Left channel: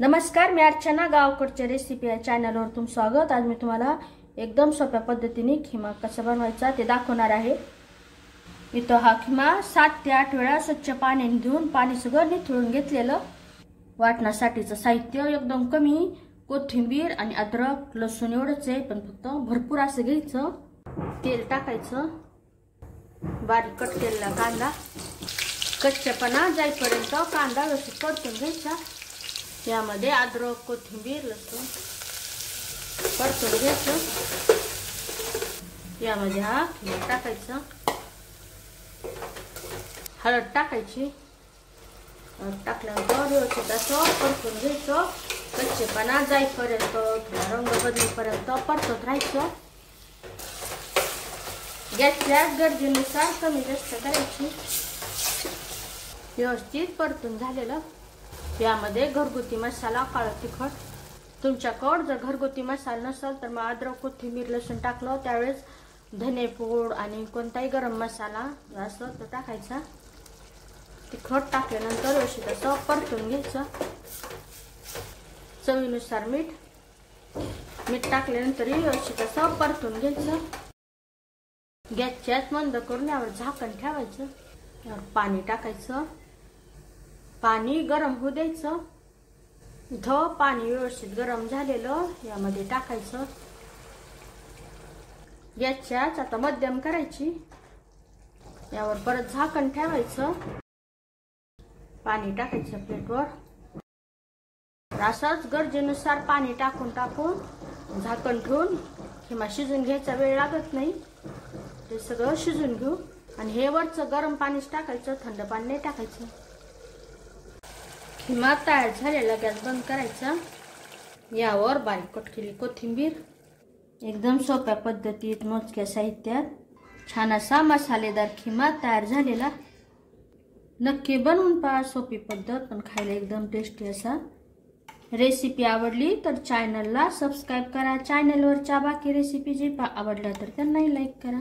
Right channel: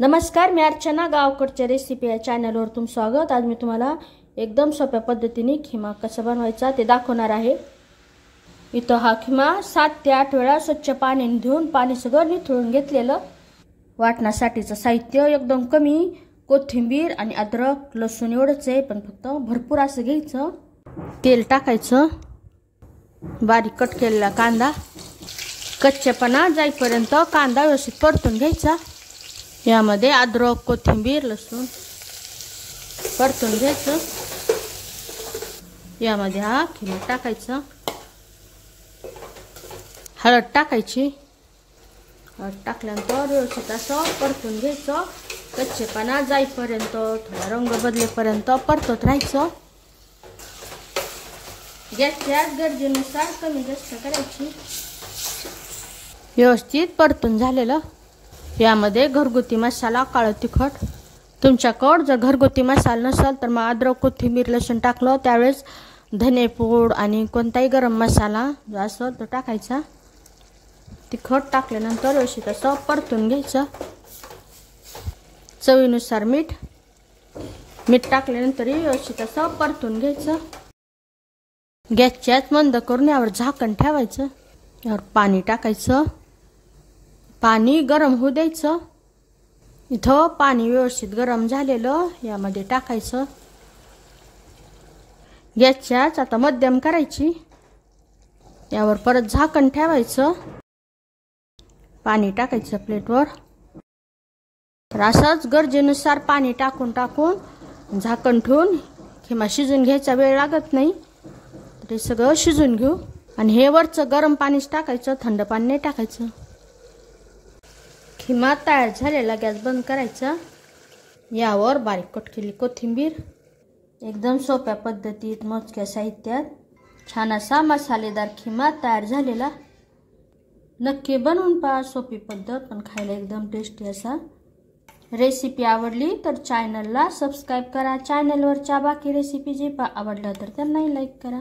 नमस्कार, मी अर्चना. गावकडच्या रेसिपी या चॅनलवर तुमचं स्वागत. आज मी तुम्हाला एकदम सोप्या पद्धतीने खिमा कसा बनवायचा ते दाखवणार आहे. इथं हा खिमा 7 ते 8 वेळा स्वच्छ पाण्याने धुवून पाणी सगळं निथळून घेतलेलं. वाटण्यासाठीचं साहित्य एकदम कमी, कोथिंबीर आणि अद्रक लसूण एवढंच आहे, पण फक्त भरपूर असं घ्यायचं. तेल टाकायचं, बारीक कट केलेला कांदा, कच्चेपणा जाईपर्यंत कांदा व्यवस्थित परतून घ्यायचा. यामध्ये अद्रक कोथिंबीर लसूण परतून घ्यायचं. यामध्ये हा खिमा टाकायचा, हळद टाकायची. हळद टाकल्यानंतर व्यवस्थित असं परतून घ्यायचं. कच्चेपणा जाईपर्यंत, थोडा रंग बदलेपर्यंत परतत राहायचं. गॅसच्या गरजेनुसार कमी जास्त करायची. व्यवस्थित परतून झालेलं. यामध्ये घरगुती मसाला, काळं तिखट. तुमच्याकडे जर घरगुती मसाला नसेल तर मग अद्रक कोथिंबीर लसूण टाकलं त्यावेळेस धनेपूड आणि कोणताही गरम मसाला जो असतो तो टाकायचा. तिखट टाकल्यानंतर व्यवस्थित असं परतून घ्यायचं. चवीनुसार मीठ टाकल्यानंतर व्यवस्थित असं परतून घ्यायचं. गॅसच्याच मंद करून यावर झाकण ठेवायचं. यावर पाणी टाकायचं. पाणी गरम होऊ द्यायचं. इथं पाणी व्यवस्थित गरम झालेलं यामध्ये टाकायचं. गॅसच्याच आता मध्यम करायची. यावर परत झाकण ठेवायचं. पाणी टाकायचं प्लेटवर. तर असंच गरजेनुसार पाणी टाकून झाकण ठेवून खिमा शिजून घ्यायचा. वेळ लागत नाही. ते सगळं शिजून घेऊ. आणि हे वरचं गरम पाणीच टाकायचं, थंड पाणी नाही टाकायचं. खिमा तयार झालेला गॅस बंद करायचा. यावर बारीक कट केलेली कोथिंबीर. एकदम सोप्या पद्धतीत मोजक्या साहित्यात छान असा मसालेदार खिमा तयार झालेला. नक्की बनवून पहा. सोपी पद्धत पण खायला एकदम टेस्टी असा. रेसिपी आवडली तर चॅनलला सबस्क्राईब करा. चॅनलवरच्या बाकी रेसिपी जे आवडल्या तर त्यांनाही लाईक करा.